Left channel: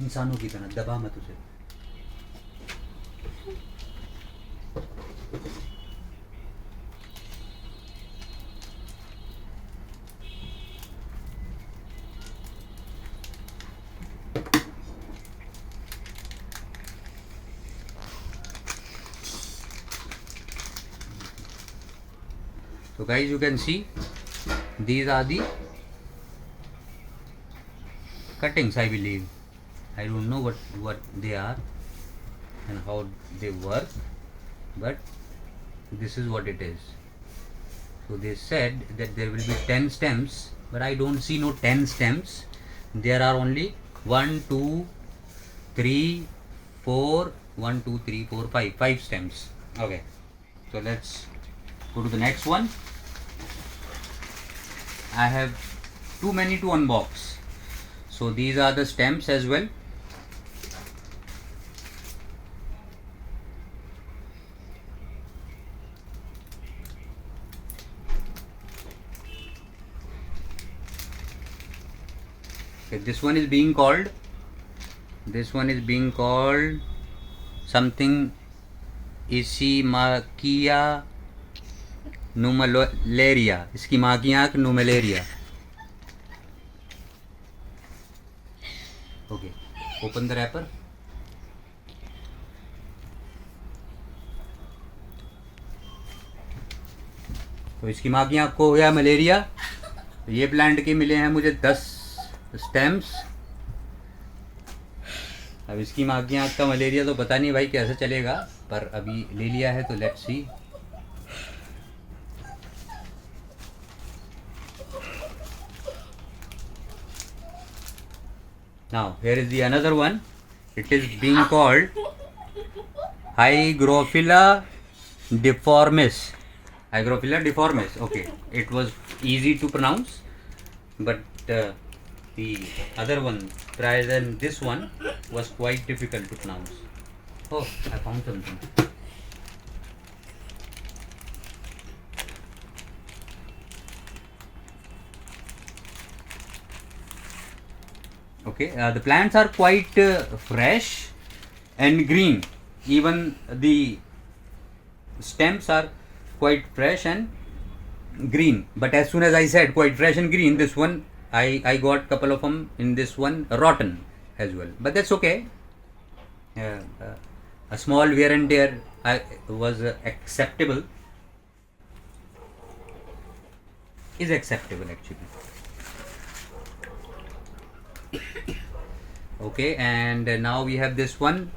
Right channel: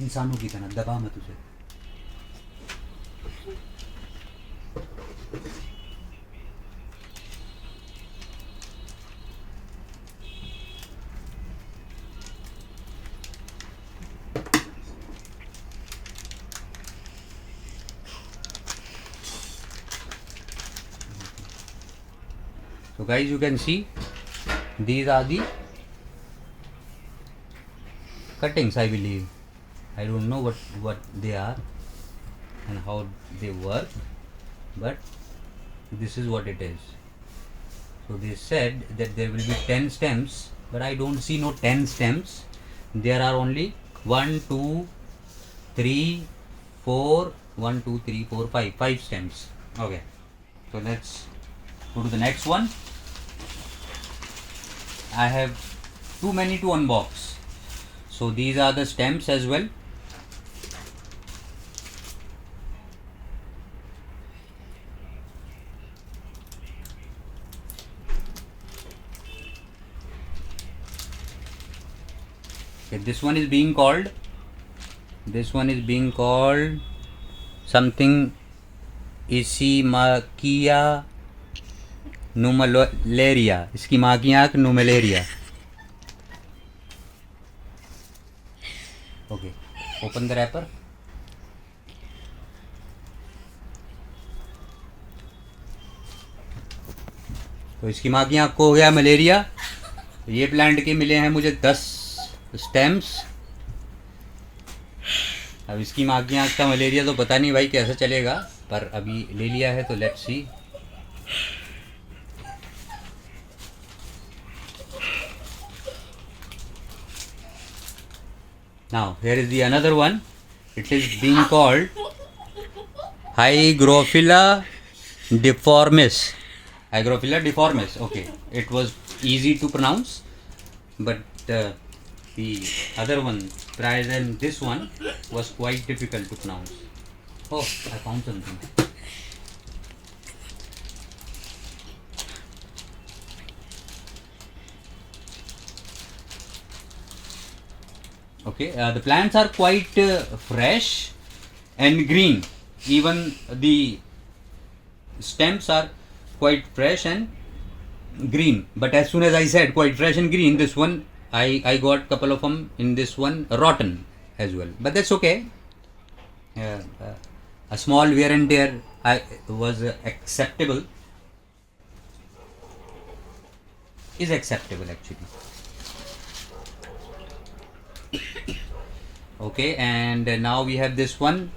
इंसानों की तरह दबा मत उसे। So guys, you can see these are the cuttings, I believe. I don't know what they are and how they work, but this is what it is. So they said that there will be 10 stems, but I don't see no 10 stems. There are only 1 2 3 4 1 2 3 4 5 stems. Okay, so let's go to the next one. I have too many to unbox, so these are the stems as well. Okay, this one is being called something Isimakia numalaria. इसकी माँ की आँख numalaria. Okay, open the wrapper. तो इसकी माँ की आँख को हो गया मलेरिया। तो ये प्लांट के मिले हैं मुझे 10 स्टेम्स। अब इसकी माँ की आँख का मलेरिया तो पता नहीं भाई कैसे चलेगा, पर अभी ले लिया है तो let's see. Now here is the another one. It is being called Hygrophila deformis. Hygrophila deformis. Okay, it was easy to pronounce, but the other one, rather than this one, was quite difficult to pronounce. Oh, I found something. Okay, the plants are quite fresh and green. Even the stems are quite fresh and green. But as soon as I said quite fresh and green, this one I got a couple of them in this one rotten as well. But that's okay. A small wear and tear was acceptable. Is acceptable actually. Okay, and now we have this one,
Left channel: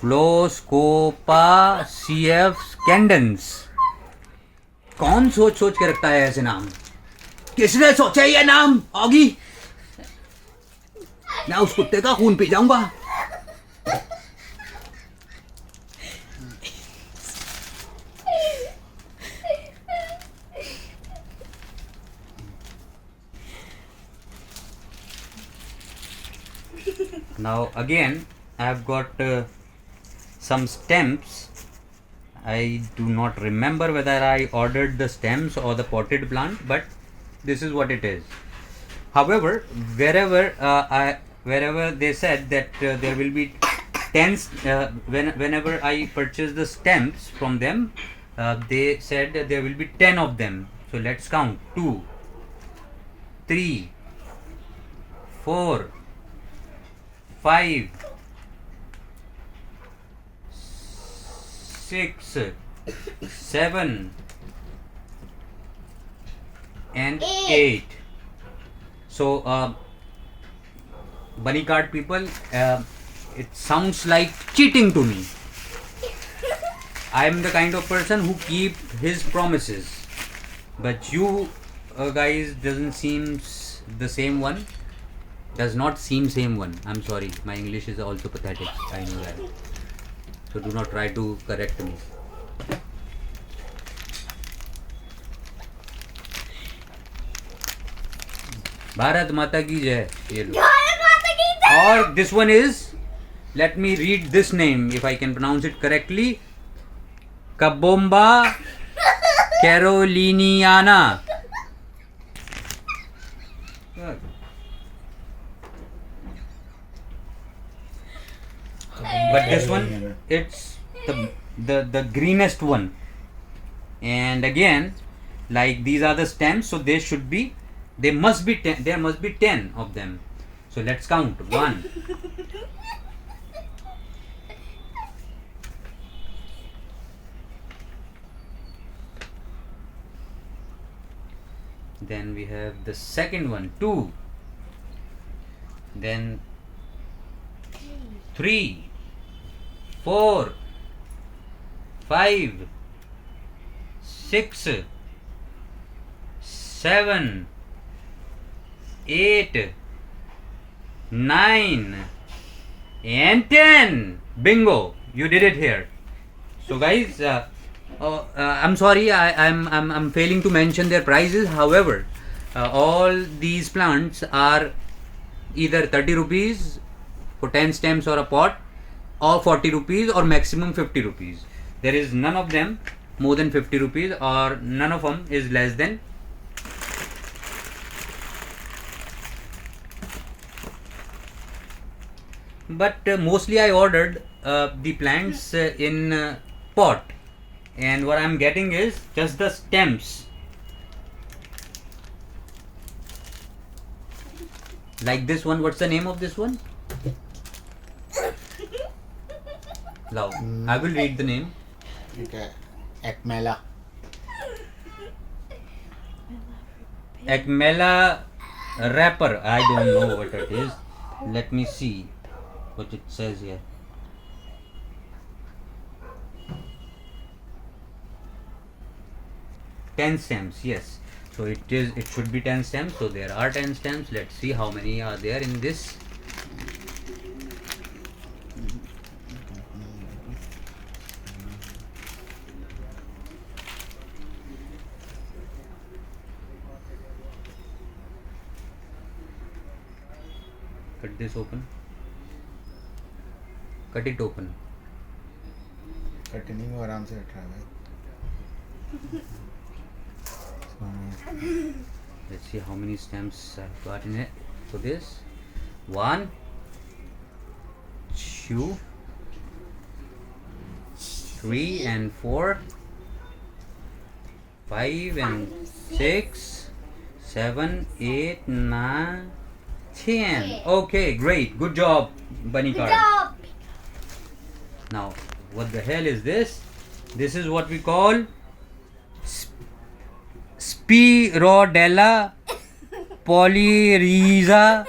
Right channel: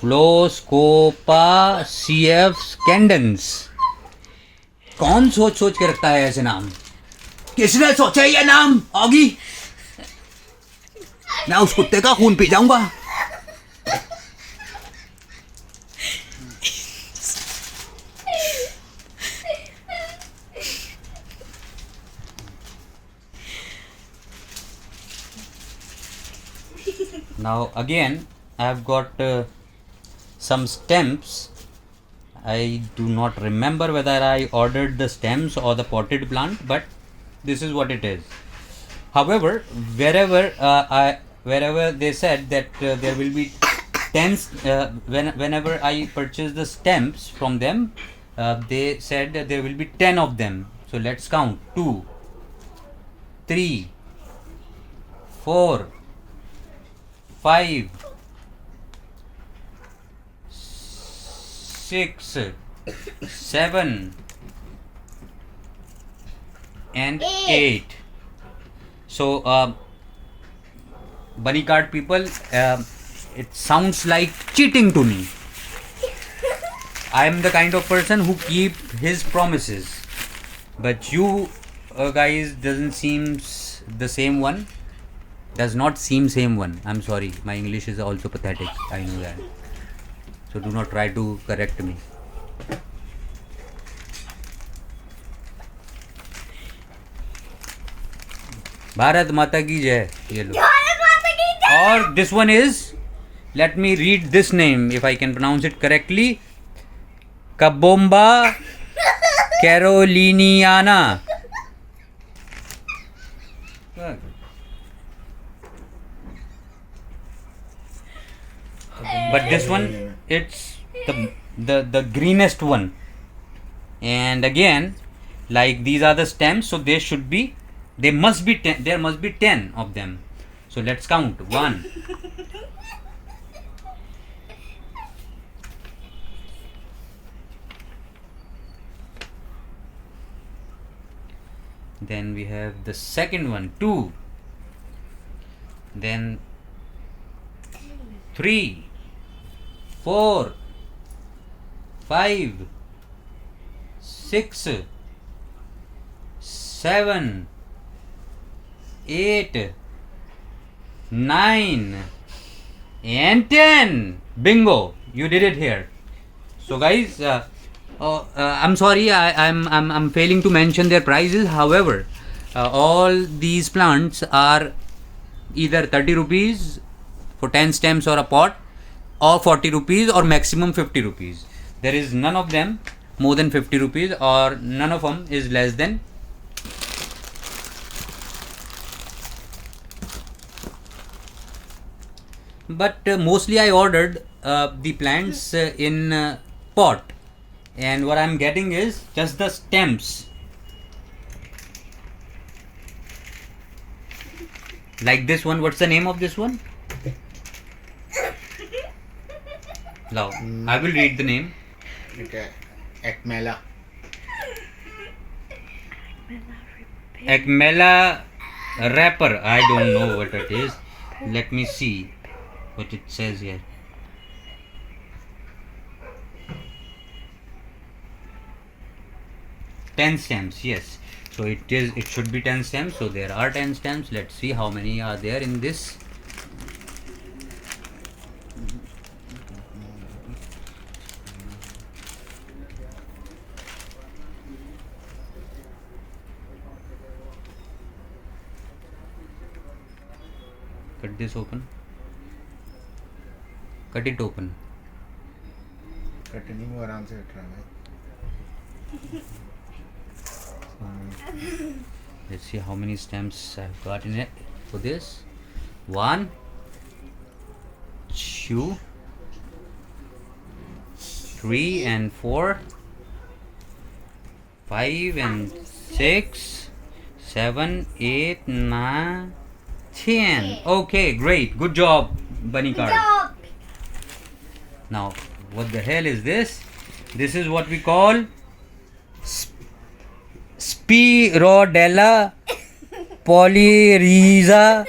Floscopa cf scandens. कौन सोच सोच के रखता है ऐसे नाम? किसने सोचा ये नाम? ऑगी, मैं उस कुत्ते का खून पी जाऊंगा। Now again I have got some stems. I do not remember whether I ordered the stems or the potted plant, but this is what it is. However, wherever they said that there will be 10 whenever I purchase the stems from them, they said that there will be 10 of them. So let's count: 2 3 4 5 6 7 and 8. So bunny card people, it sounds like cheating to me. I am the kind of person who keep his promises, but you guys doesn't seem the same one. Does not seem same one. I'm sorry, my English is also pathetic, I know that, so do not try to correct me. Bharat माता की जय. ये लो. और this one is, let me read this name if I can pronounce it correctly, Kabomba caroliniana. but this one, it's the greenest one. And again, like these are the stems, so there must be 10 of them. So let's count. 1, then we have the second one, 2, then 3, 4, 5, 6, 7, 8, 9, and 10. Bingo! You did it here. So guys, I'm sorry, I'm failing to mention their prices. However, all these plants are either 30 rupees for 10 stems or a pot, or 40 rupees, or maximum 50 rupees. There is none of them more than 50 rupees, or none of them is less than. But mostly I ordered the plants in pot, and what I'm getting is just the stems. Like this one, what's the name of this one? Now, I will read the name. Okay. Ekmela. Ekmela wrapper. I don't know what it is. Let me see what it says here. Ten stems, yes. So it should be 10 stems. So there are 10 stems. Let's see how many are there in this. Cut this open. Cut it open. Katni को आराम से रख रहा है Let's see how many stems I've got in it for this. 1, 2, 3 and 4, 5 and 6, 7, 8, 9, 10. Okay, great. Good job, Bunny Card. Now, what the hell is this? This is what we call Spirodella polyriza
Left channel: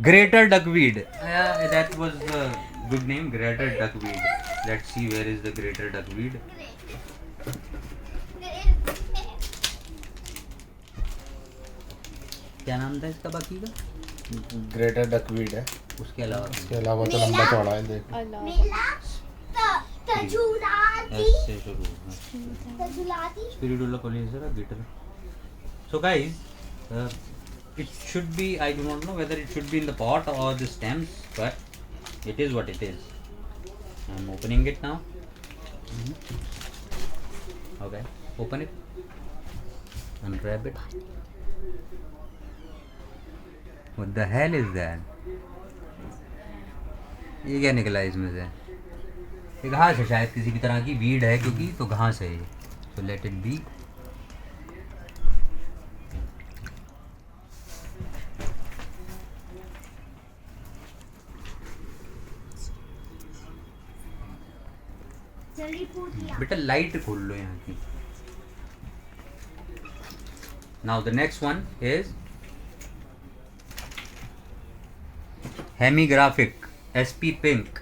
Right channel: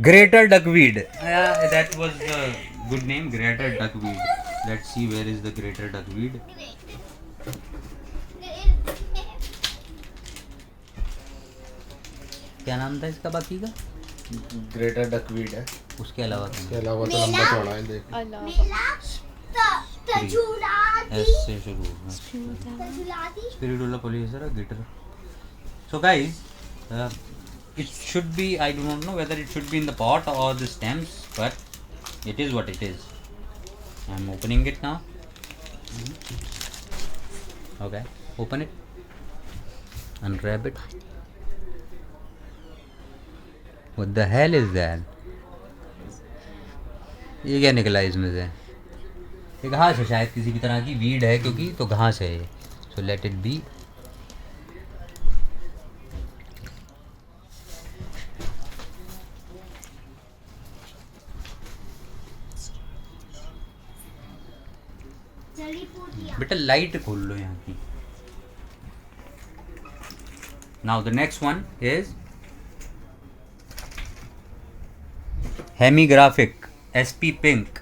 greater duckweed. That was a good name, greater duckweed. Let's see where is the greater duckweed. क्या नाम था इसका बाकी का? Greater duckweed है उसके अलावा इसके अलावा तो लंबा चौड़ा है देख ऐसे शुरू Spirodella polyriza greater. So guys, it should be, I do not know whether it should be in the pot or the stems, but it is what it is. I'm opening it now. Okay, open it, unwrap it. What the hell is that? ये क्या निकला इसमें से? ये घास है शायद, किसी भी तरह की वीड है क्योंकि, तो घास है ये. So let it be. बेटा लाइट खोल लो यहाँ की. Now the next one is Hemigraphic SP Pink.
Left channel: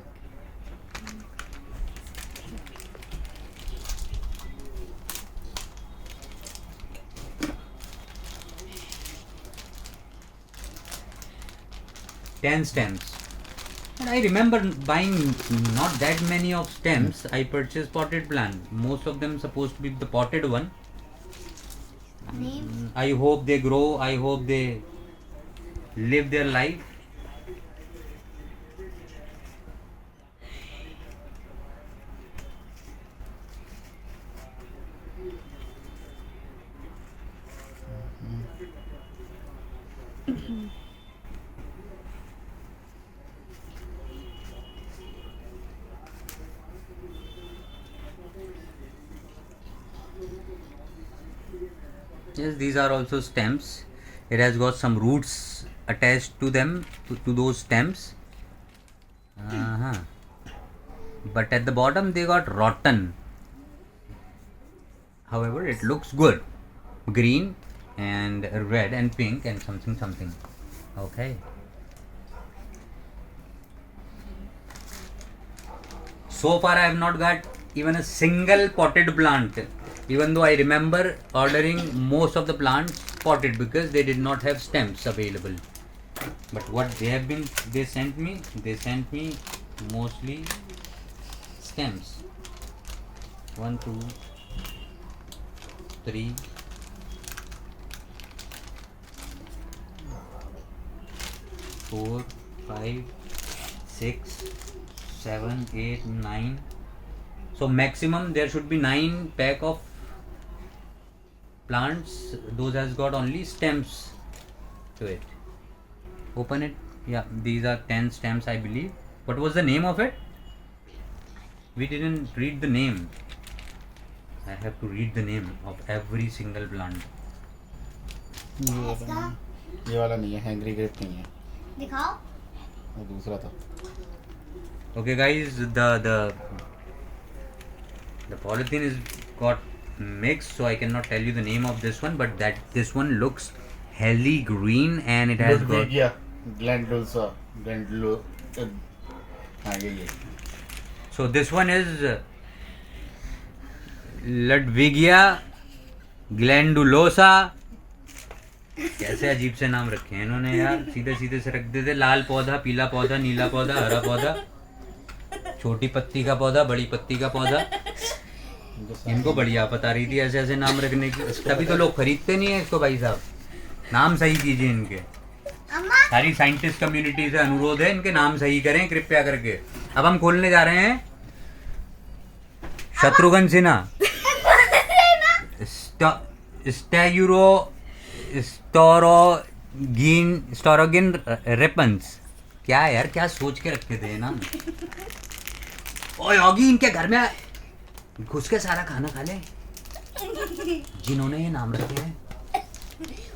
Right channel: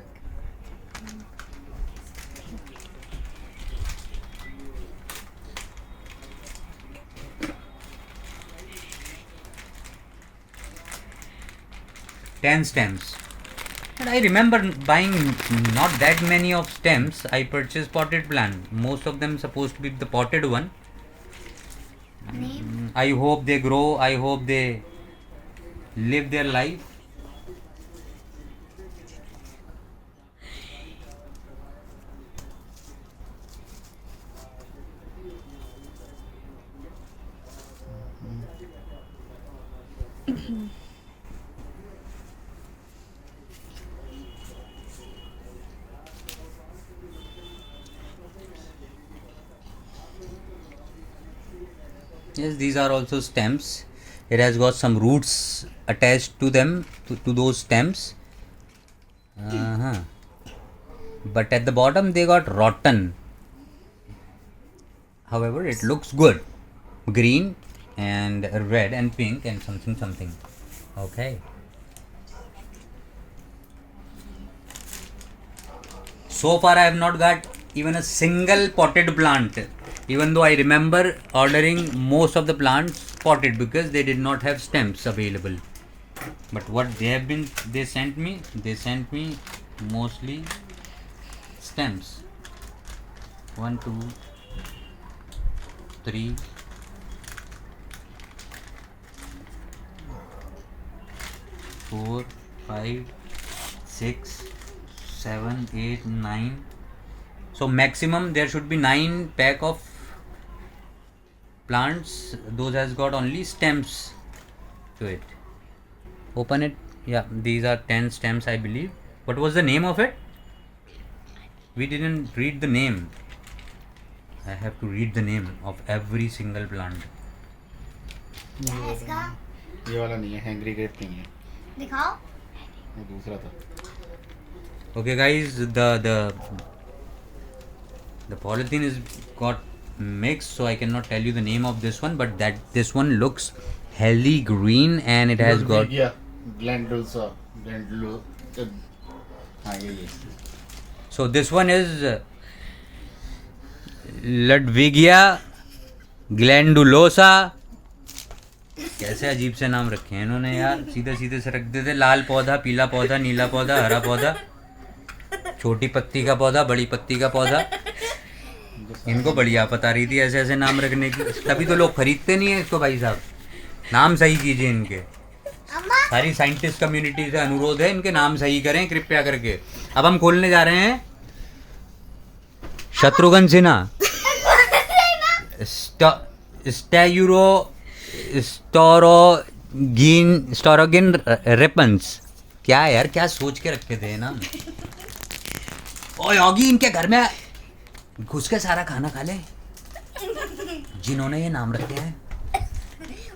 Ten stems. And I remember buying not that many of stems. I purchased potted plant. Most of them supposed to be the potted one. I hope they grow. I hope they live their life. Yes, these are also stems. It has got some roots attached to them, to those stems. Uh-huh. But at the bottom they got rotten. However, it looks good. Green and red and pink and something something. Okay. So far, I have not got even a single potted plant. Even though I remember ordering most of the plants potted because they did not have stems available. But what they sent me mostly stems. 1, 2, 3, 4, 5, 6, 7, 8, 9. So maximum there should be 9 pack of plants. Those has got only stems to it. Open it. Yeah, these are 10 stems, I believe. What was the name of it? We didn't read the name. I have to read the name of every single plant. ये वाला नहीं है, hangry grep नहीं है, दिखाओ। ये दूसरा था। Okay, guys, the polythene is got mixed, so I cannot tell you the name of this one, but this one looks healthy green and it has got. Glandulosa, हाँ ये। So this one is Ludwigia glandulosa. कैसे अजीब से नाम रखे हैं इन्होंने यार, सीधे सीधे से रख देते। लाल पौधा, पीला पौधा, नीला पौधा, हरा पौधा, छोटी पत्ती का पौधा, बड़ी पत्ती का पौधा। इनको बढ़िया पता रही थी ऐसे ऐसे नाम रखने की, तभी तो लोग खरीदते नहीं है इसको। भाई साहब, नाम सही कीजिए इनके। सारी साइंटिस्ट कम्युनिटी से अनुरोध है, इनके नाम सही करें कृपया करके। अब हम खोलने जा रहे हैं शत्रुघ्न सिन्हा स्टोरोगिन रेपन्स। क्या है यार, क्या सोच के रखे थे ना। ओए योगी, इनके घर में घुस के सारा खाना खा ले जिन्होंने ये नाम रखे हैं।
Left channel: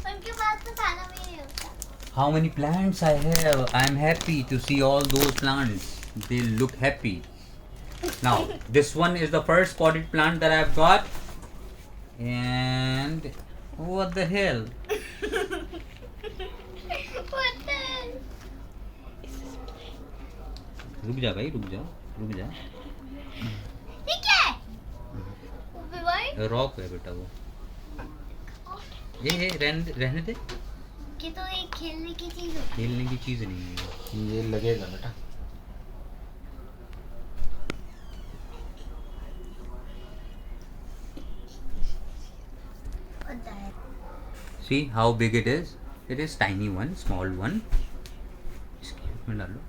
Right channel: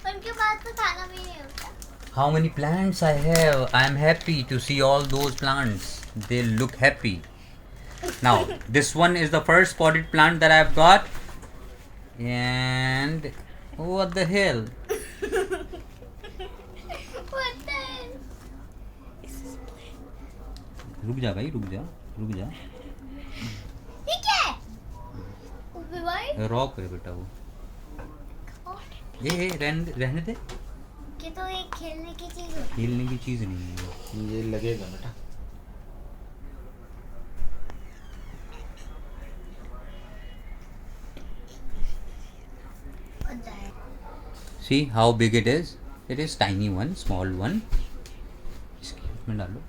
उनके पास तो खाना भी नहीं होता। How many plants I have? I am happy to see all those plants. They look happy. Now, this one is the first potted plant that I've got. And what the hell? What the hell? रुक जा भाई, रुक जा। ये क्या है? भाई rock है बेटा वो। ये रहने दे। ये तो एक खेलने की चीज है। खेलने की चीज नहीं है ये लगेगा बेटा। What the heck? See how big it is? It is tiny one, small one. इसमें डालो।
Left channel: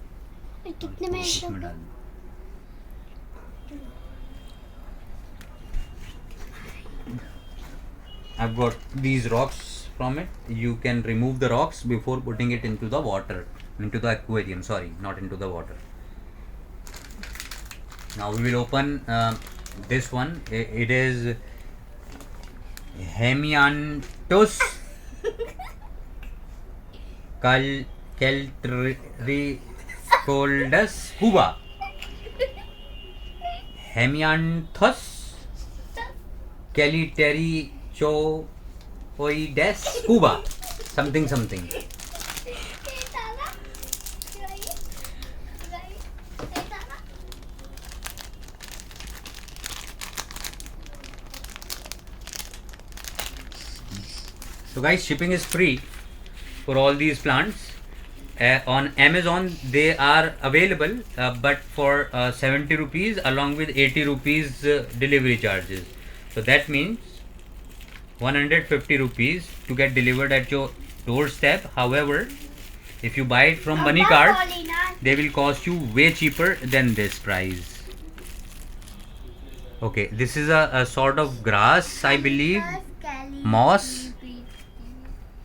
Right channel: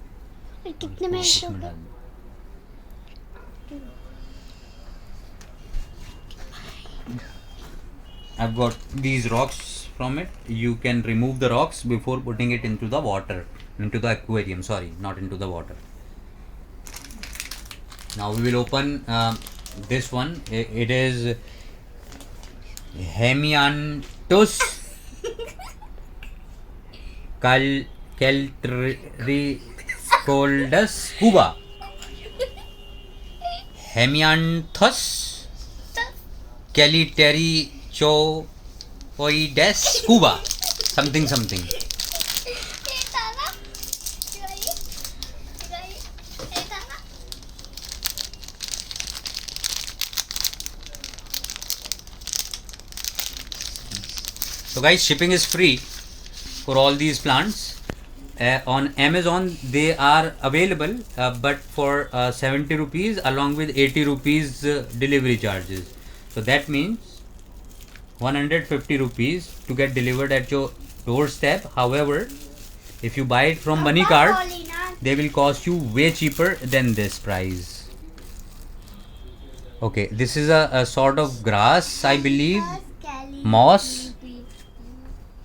ये कितने में इसमें डालो। I've got these rocks from it. You can remove the rocks before putting it into the water, into the aquarium. Sorry, not into the water. Now we will open this one. It is Hemianthus Caltricoldus Cuba. Hemianthus Caltricoides Cuba. Something. ये ताला, ये ताला। So guys, shipping is free for all these plants. On Amazon they are available, but for 70 rupees along with 80 rupees delivery charges. So that means 150 rupees to get delivered at your doorstep. However, if you buy it from money card, they will cost you way cheaper than this price. Okay, this is a sort of grass, I believe, moss,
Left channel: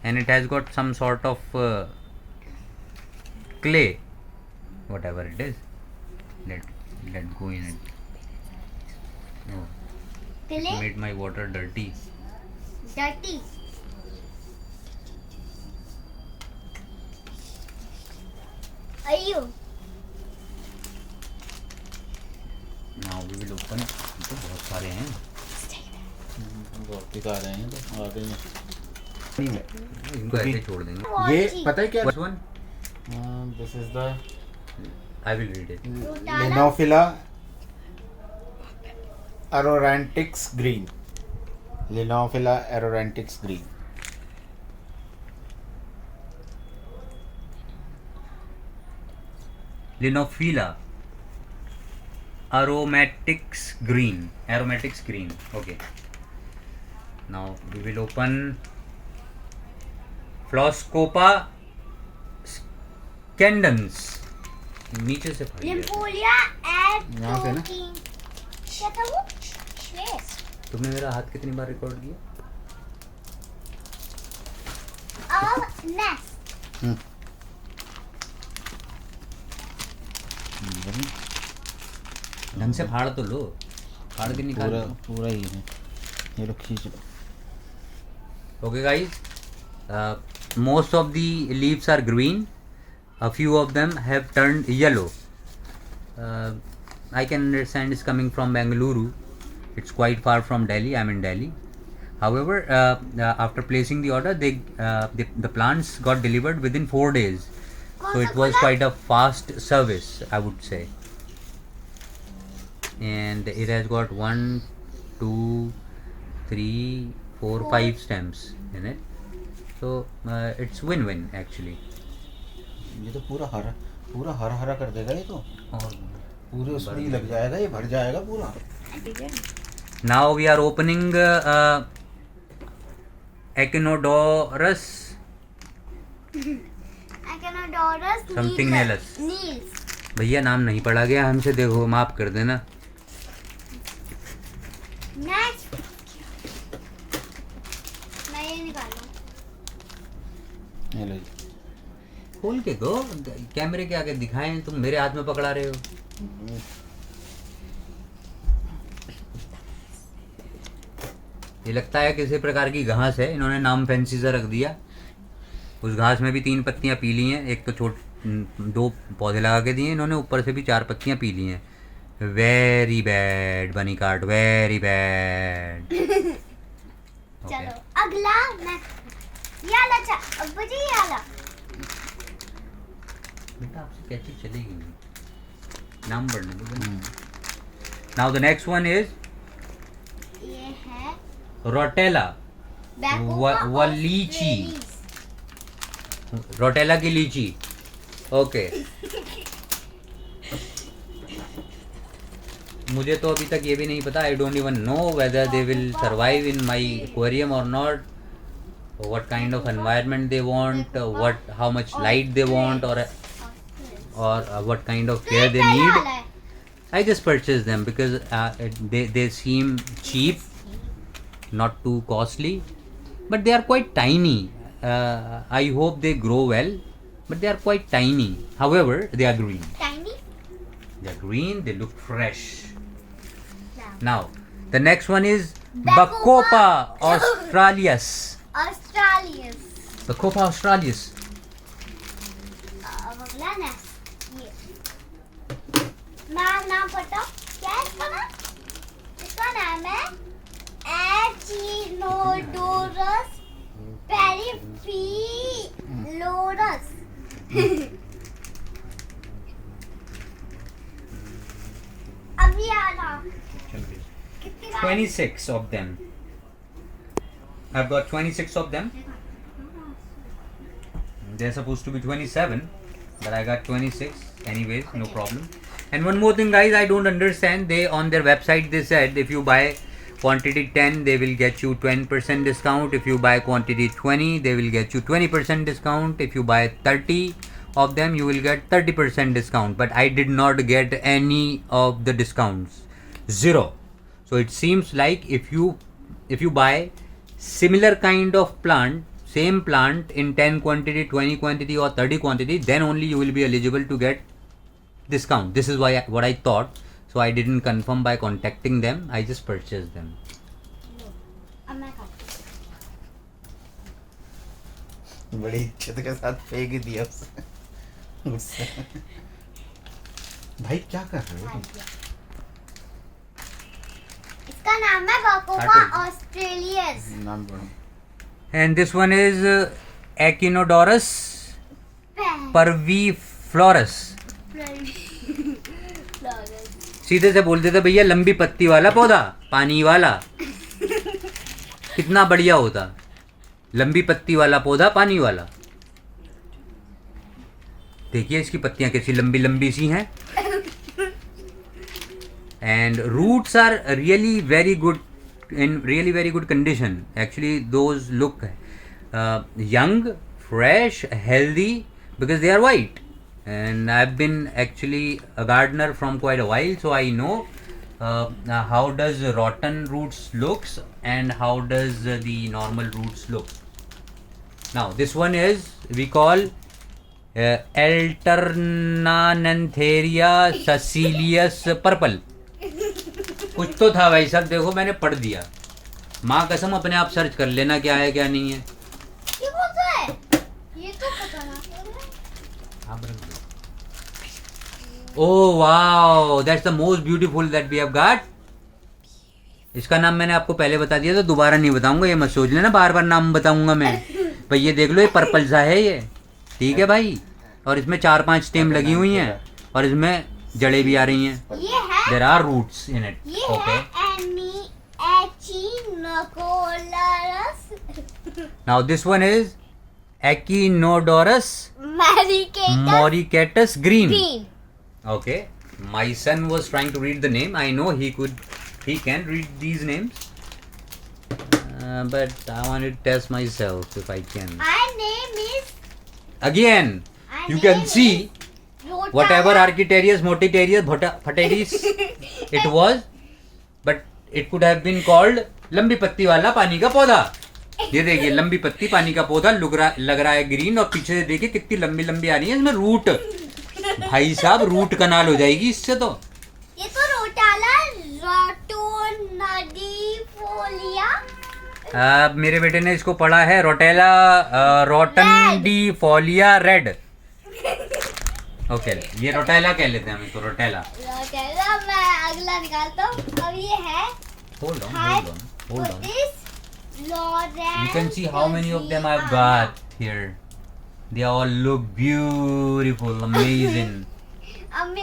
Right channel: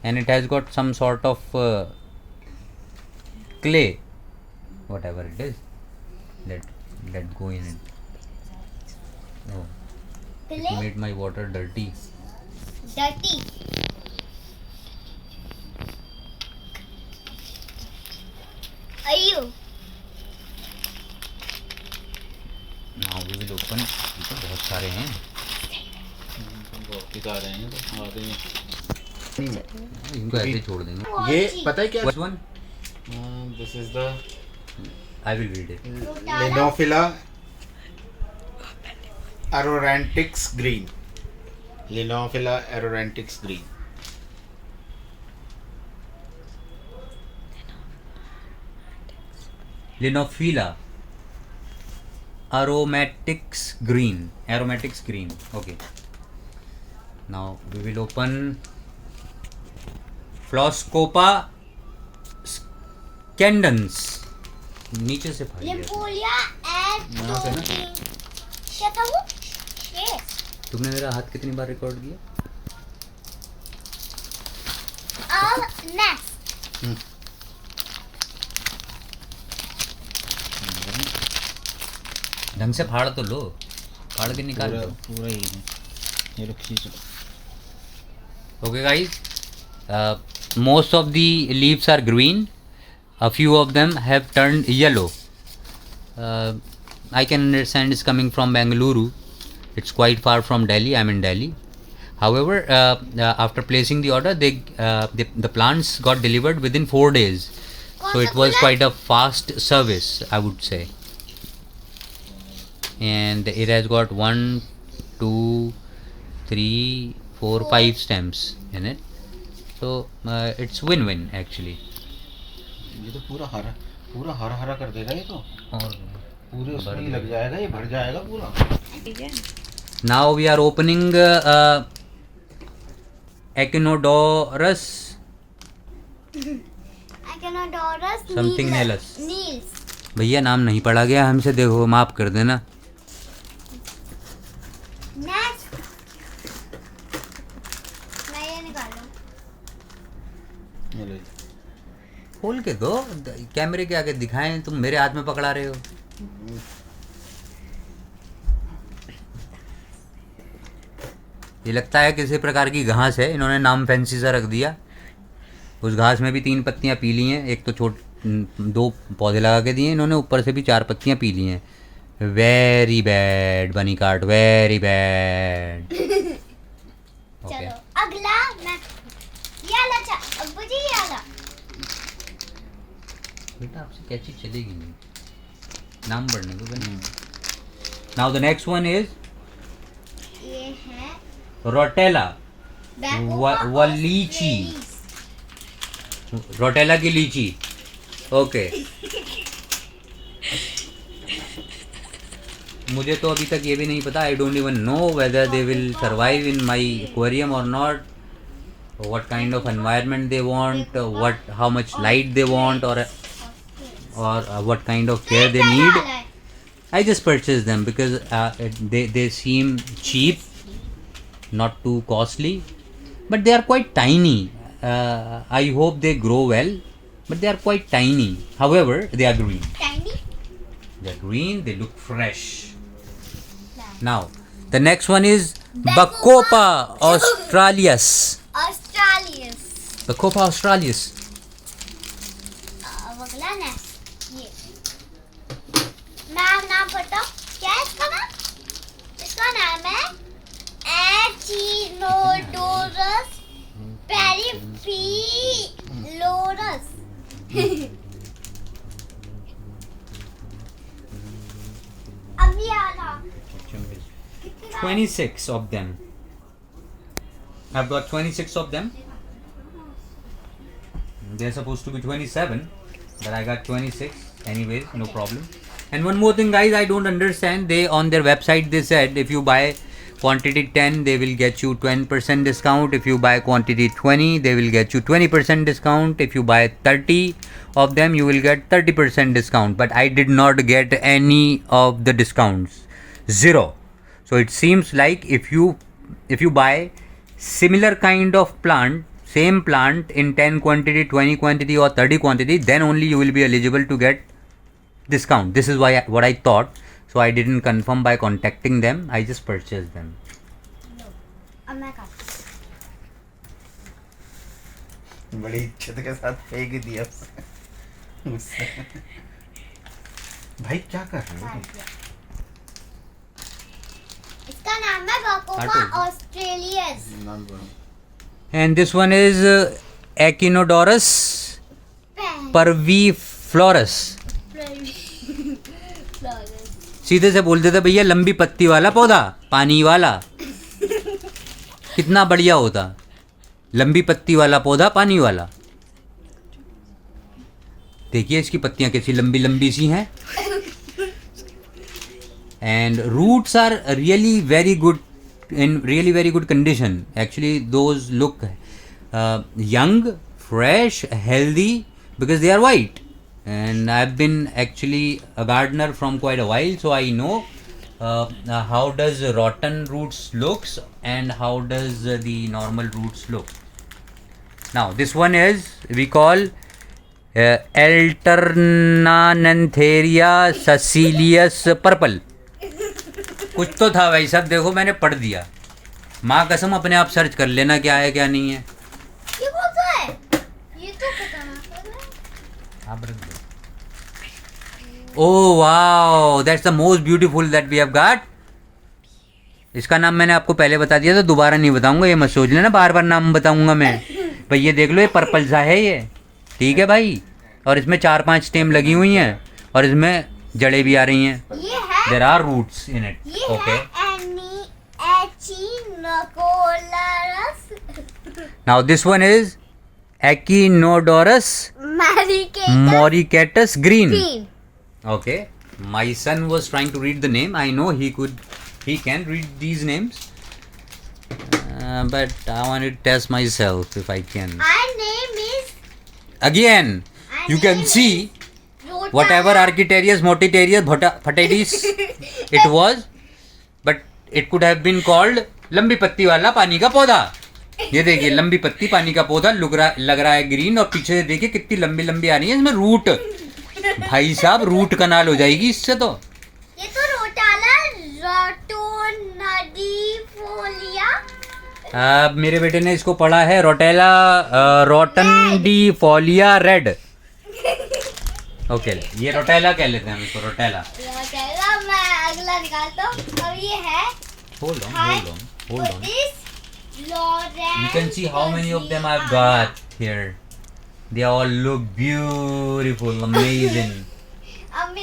and it has got some sort of clay, whatever it is. Let go in it. Oh, it made my water dirty. Dirty. Ayo. Now we will open. तो बहुत सारे हैं, बहुत ही सारे हैं तो आते नहीं। इनको ऐसे छोड़ देंगे। ये पता है क्या? Which one? This is the I will read it. Linophila aromatics green. Linophila aromatics green. Linophila aromatics green. Aromatics green. Okay. Now we will open Floscopa scandens. नीचे से फट गया। Lympholia यहाँ से ना? atropine. क्या था वो? ये. तुमने मेरा हाथ कितनी बार रिकॉर्ड किया? Next. ढंग से फाड़ तो लो, फाड़ के निकाल पूरा लो। पूरा ही है ये लोग खींच लो। Okay guys, most of the leaves are green. A few of them have turned yellow. I can understand it's coming from Bengaluru. It's quite far from Delhi. I'm in Delhi. However, after placing the order, the plants got delivered within 4 days. So it was quite a fast service, I would say. And it has got 1, 2, 3, 4, 5 stems in it. So it's win-win actually. ये तो पूरा हरा हरा कर देगा ये तो। और पूरे उसमें ही लग जाएगा, ये भर जाएगा पूरा। now we are opening Echinodorus Echinodorus Something Niels. else. Niels. भैया नाम नहीं पढ़ा गया हमसे, देखो माफ कर देना। Next. मैं ये निकालूं। ये लो जी। खोल के दो, कैमरे के आगे दिखाएं, तुम मेरे हाथ में पकड़ा रहे हो। ये लगता है किसी प्रकार की घास है, इन्होंने नाम फैंसी सा रख दिया। उस घास में भी 3 पत्तियां पीली हैं, एक तो 2 पौधे लगा के दिए इन्होंने, ऊपर से भी 4 पत्तियां पीली हैं। वेरी बैड बनी कार्ड, वेरी बैड। चलो अगला मैं ये वाला अब मुझे ये वाला बेटा आपसे क्या चीज चलेगी नहीं, नाम बढ़ने दो। Now the next one is ये है रोटेला। Bacopa व लीची, रोटेला की लीची। ओके मुझे तो अभी तक ये भी नहीं पता, I don't even know whether they will survive in my aquarium और not, what kind of environment they want, how much light they want, or what kind of care they need. I just purchased them because they seem cheap, not too costly, but they are quite tiny. I hope they grow well, but they are quite tiny. However, they are green. Tiny. They are green. They look fresh. Now, the next one is Bacopa australis. Australis. Bacopa australis. अब अगला next ये नाम पढ़ता हूँ। क्या है इसका नाम? इसका नाम है Echinodorus periphelorus. अब ये वाला 26 of them. I've got 26 of them. They're supposed to be 27, but I got 26. Anyways, no problem. And one more thing, guys, I don't understand. They on their website they said if you buy quantity 10, they will get you 10% discount. If you buy quantity 20, they will get you 20% discount. If you buy 30 of them, you will get 30% discount. But I did not get any of the discounts. Zero. So it seems like if you buy similar kind of plant, same plant in 10 quantity, 20 quantity or 30 quantity, then only you will be eligible to get discount. This is what I thought. So I didn't confirm by contacting them. I just purchased them. अब मैं खाती हूँ। बड़ी इज्जत के साथ फेंक ही दिया उसने गुस्से में। भाई क्या कर रहे हो तुम? इसका नाम है बकोमा ऑस्ट्रेलियस। नाम बोलो। And this one is Echinodorus parviflorus. सीधे से बोल देते भैया लंबी पत्ती वाला पौधा पानी वाला, कितना बढ़िया होता। लंबी पत्ती वाला पौधा पानी वाला। देखिए इसकी पत्तियां कैसी लंबी लंबी सी हैं। And roots are really very good, in really very good condition. Actually those look young, fresh, healthy because they are white. And I've been actually a gardener from quite a while, so I know how does rotten roots looks and how does the normal roots look. Now this one is we call Alternanantheria sicilius purple. कुछ तो था भाई साहब, देखो मैंने पढ़ दिया। माँ कसम अपने आप सर्च कर लेना क्या है क्या नहीं है। ये कौन सा है? ये तो खतरनाक लग रहा है। Oh wow, that's the most beautiful that we have got. इसका नाम मैंने आपको पहले बता दिया था, दोबारा नहीं बताऊंगा, ये मत सोच लेना बार बार नाम बताऊंगा मैं। भाई ये देख लो, ये पर्पल सा है ये, ठीक है भाई। और इसमें 4-5 स्टेम लगी हुई हैं और इसमें जड़ें भी आ रही हैं। ये है there are roots in it. ये ओके, है Echinodorus now this one is Echinodorus moricatus green. green. Okay, my son was trying to read the name. I know he can read these names, but I want to test myself if I can. My name is Again, you can see whatever Architarius, Motitarius, Phatadis it was, but it could have been called लंबी पत्ती वाला पानी का पौधा। ये देखिए लंबी पत्ती पानी का पौधा लग रहा है ग्रीन, और पीछे से देखिए कितनी लंबी लंबी आ रही है इसमें रूट। भाई साहब रूट कनाल हो जाएगी इससे तो। ये तो रोटाला रोटोनडिफोलिया। मेरे बेटे ने इसको पढ़ा है रोटेला रोटनडिफोलिया रेड। ओके, ये रोटेला कह लेते हैं हम इसको, रोटेला। रोटाला मैं अगला निकालता हूँ। अब ये है Hold on. Lawrence. You can see how many of them I've got here. They all look beautiful, amazing.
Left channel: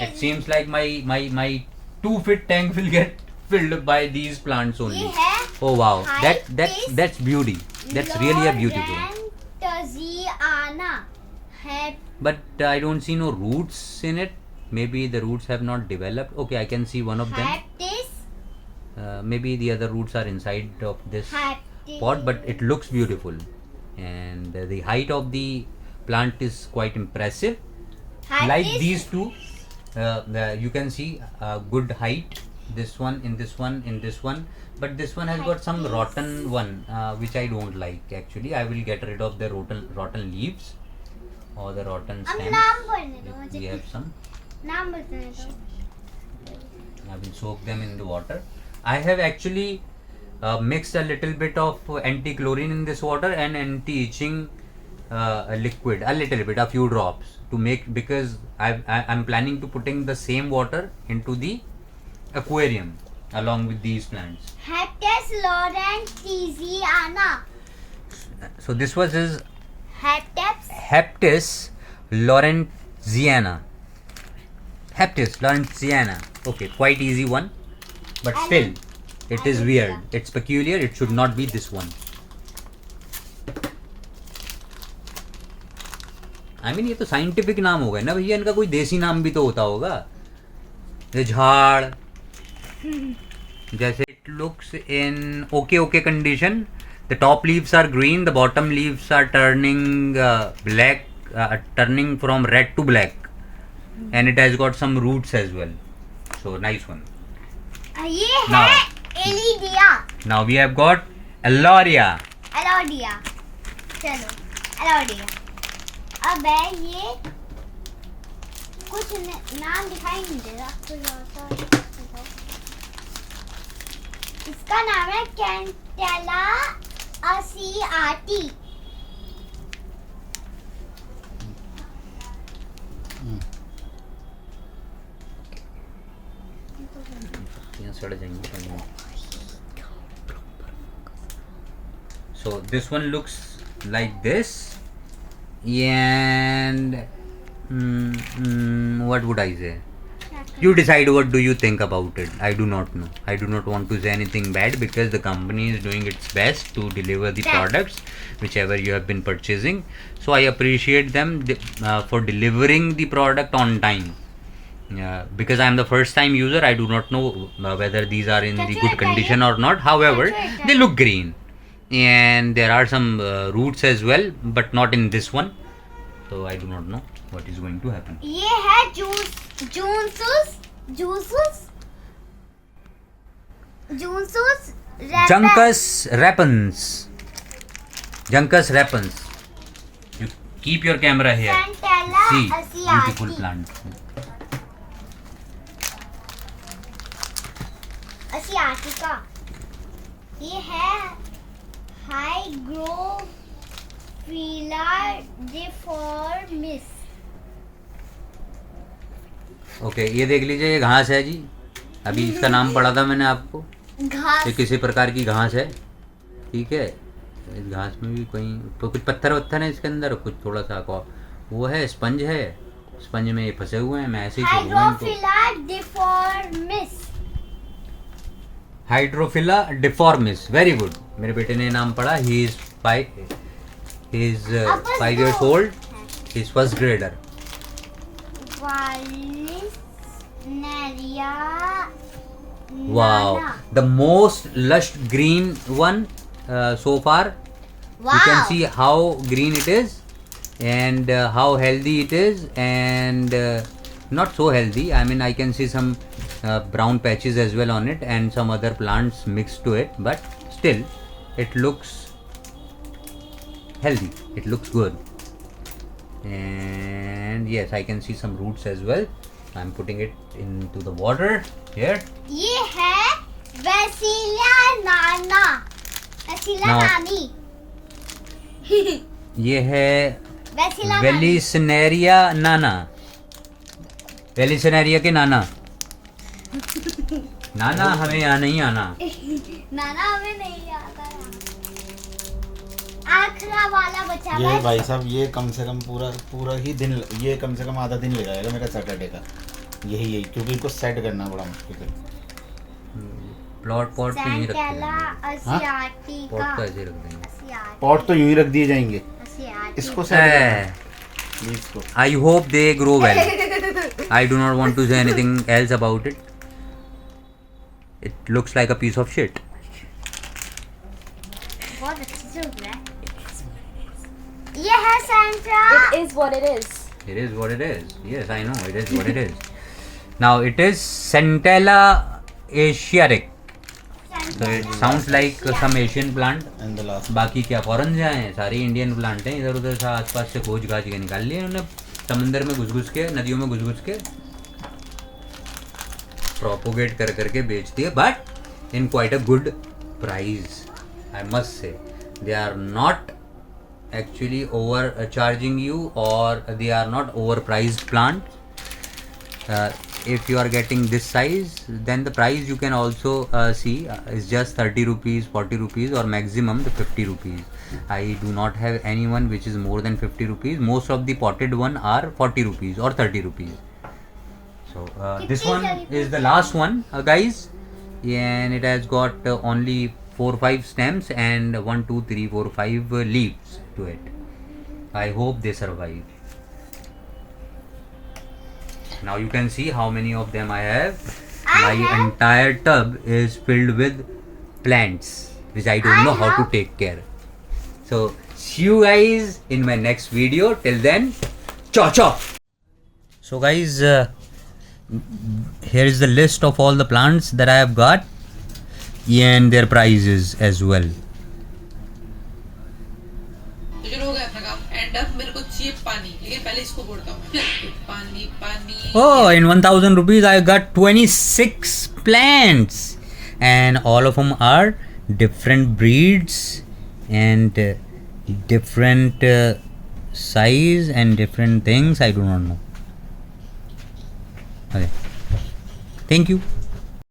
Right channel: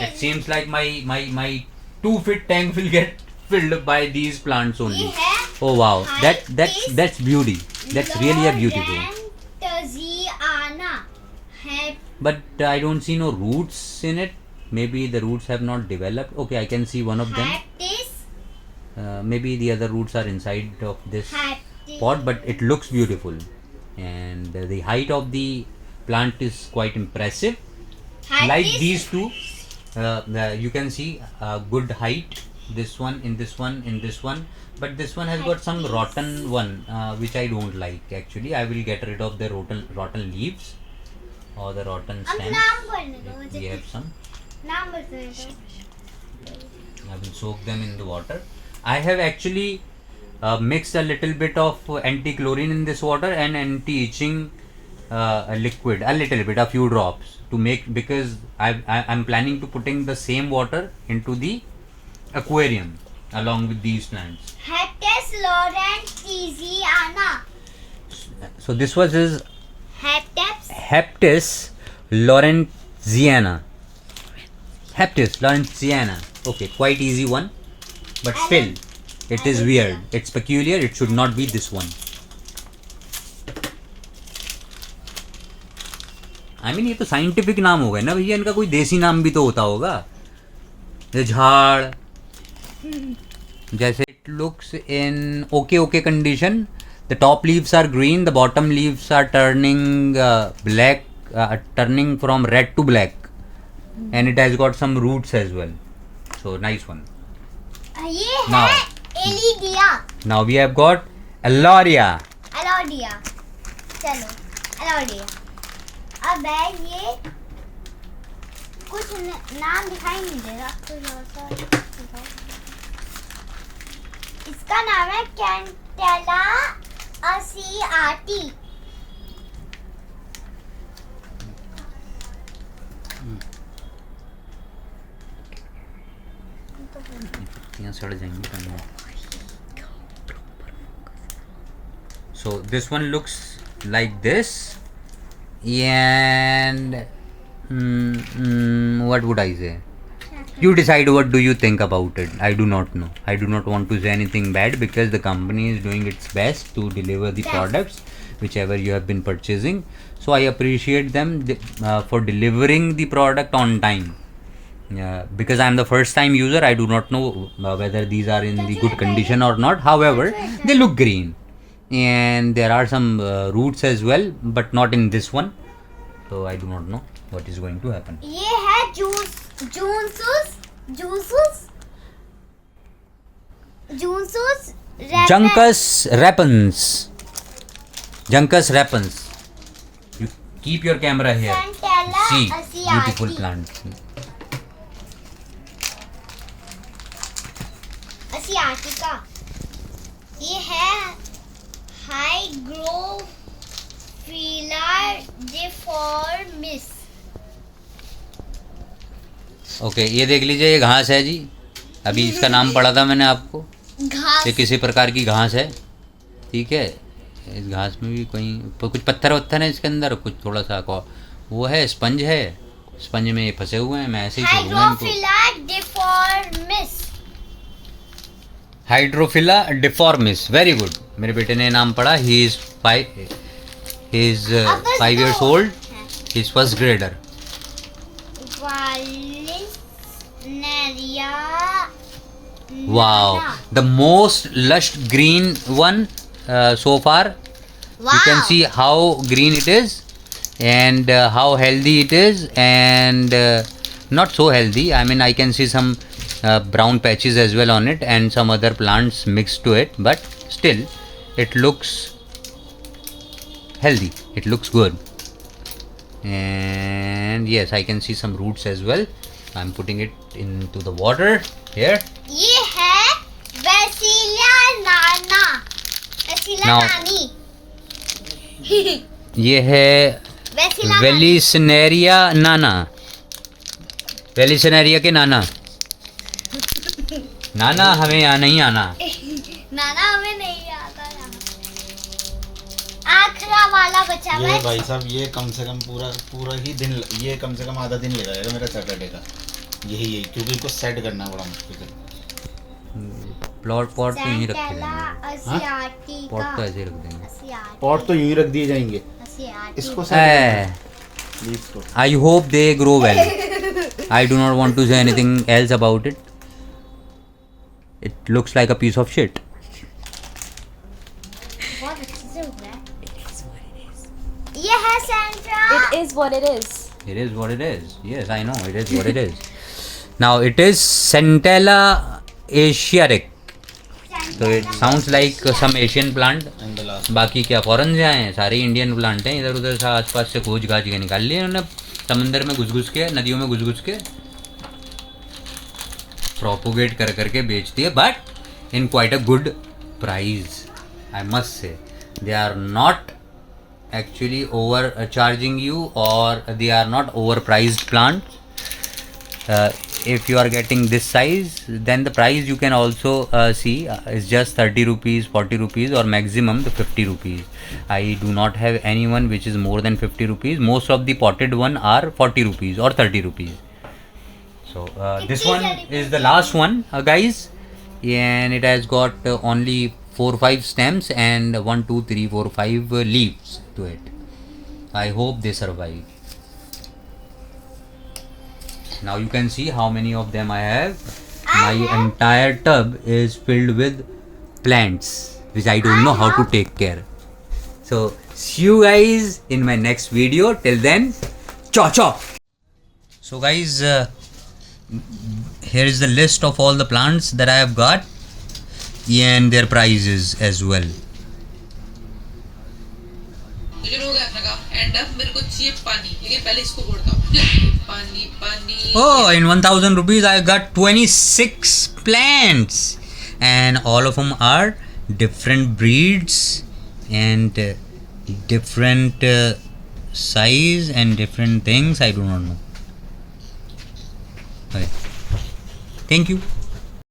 It seems like my 2-foot tank will get filled by these plants only. ये है Oh wow, that's beauty. That's really a beautiful. Lawrentiana है। But I don't see no roots in it. Maybe the roots have not developed. Okay, I can see one of them. Maybe the other roots are inside of this pot, but it looks beautiful, and the height of the plant is quite impressive. Like these two, you can see good height. This one, in this one, in this one, but this one has got some rotten one, which I don't like. Actually, I will get rid of the rotten leaves or the rotten stems. We have some. I will soak them in the water. I have actually mixed a little bit of anti-chlorine in this water and anti-itching liquid, a little bit, a few drops to make, because I'm planning to putting the same water into the aquarium along with these plants. Heptis Lawrentiana. So this was his Heptis Lawrentiana. Heptis Lawrentiana. Okay, quite easy one. But still, it is weird. It's peculiar. It should not be this one. I mean, ये तो scientific नाम हो गया ना भैया, इनका कोई देसी नाम भी तो होता होगा। ये झाड़ जैसे it looks in okay condition. The top leaves are green. The bottom leaves are turning black, turning from red to black, and it has got some roots as well. So nice one. ये है एलिडिया। Now we have got Alauria. चलो Elodea. अब है ये कुछ नाम दिखाई नहीं दे रहा, इसका नाम है कैंटेला असियाटी। सड़ जाएंगे. So this one looks like this, and what would I say? You decide what do you think about it. I do not know. I do not want to say anything bad because the company is doing its best to deliver the products whichever you have been purchasing. So I appreciate them for delivering the product on time. Because I am the first time user, I do not know whether these are in the good condition or not. However, they look green, and there are some roots as well, but not in this one. So I do not know what is going to happen. ये है जूनसूस Juncus repens. You keep your camera here. Centella See, asiati. beautiful plant. asiatica. ये है Hygrophila deformis. Okay, ये देख लीजिए, ये घास है जी. अभी इसका नाम पढ़ा था मैंने आपको. घास ये किसी प्रकार की घास है. ठीक है, इस घास में भी कोई तो कुछ पत्थर वत्थर है इसके अंदर, कुछ थोड़ा सा वो है, स्पंज है. स्पंज में ये फंसे हुए हैं. मैं ऐसे ही छोड़ूंगा इनको. हाइड्रोफिला डिफॉर्मिस. Very good. मेरे बेटे ने नाम पढ़ा. He is 5 years old. He is first grader. Wow, the most lush green one so far. Wow. You can see how green it is, and how healthy it is, and not so healthy. I mean, I can see some brown patches as well on it, and some other plants mixed to it, but still it looks healthy. It looks good. And yes, I can see some roots as well. I'm putting it into the water here. ये है Vasilia nana. Vasilia Now- nani. ये है Vasilia Vallisneria नाना. Vallisneria के नाना. नाना हमें यहाँ नहीं आना. नाना हमें नहीं आता है. आखिरा वाला बचा हुआ ये है. भाई साहब, ये कम से कम पूरा ही दिन, ये कम से कम आधा दिन ले जाएगा मेरा सैटरडे का. यही क्योंकि इसको सेट करना बड़ा मुश्किल है. पॉट तो यहीं रख Centella देंगे. asiatica. पॉट तो ऐसे ही रख देंगे. Asiatica. पॉट तो यूं ही रख दिए जाएंगे. Asiatica. इसको सेट प्लीज को. I hope they grow well. I do not want to say anything else about it. It looks like a piece of shit. बहुत अच्छे से उग रहा है. ये है Centra. It is what it is. It is what it is. Yes, I know. It is what it is. Now it is Centella asiatic. So it sounds like some Asian plant. And the last. बाकी क्या foreign से आए हैं? सारे Indian plant हैं. इधर उधर से आसपास से खोज घाज के निकाल लिए उन्होंने. समंदर में घुस के, नदियों में घुस के प्रोपोगेट कर करके बेच दिए, but in quite a good price. I must say they are not actually overcharging you, or they are not overpriced plants. If you are getting this size, then the price you can also see is just 30 rupees, 40 rupees, or maximum the 50 rupees. I do not have anyone which is more than 50 rupees. Most of the potted one are 40 rupees or 30 rupees. So this one is the last one, guys, and it has got only 4-5 stems and 1 2 3 4 5 leaves to it. I hope they survive. Now you can see how many of them I have. My entire tub is filled with plants which I don't know how to take care. So see you guys in my next video. Till then, ciao ciao. So guys, here is the list of all the plants that I have got and their prices as well. मुझे हो गया अपना काम. And अब मेरे को चाहिए पानी, लेकिन पहले इसको बोलता हूँ. पानी पानी. Oh, in 1000 rupees I got 26 plants, and all of them are different breeds and different size and different things. I do not know. Okay. Thank you.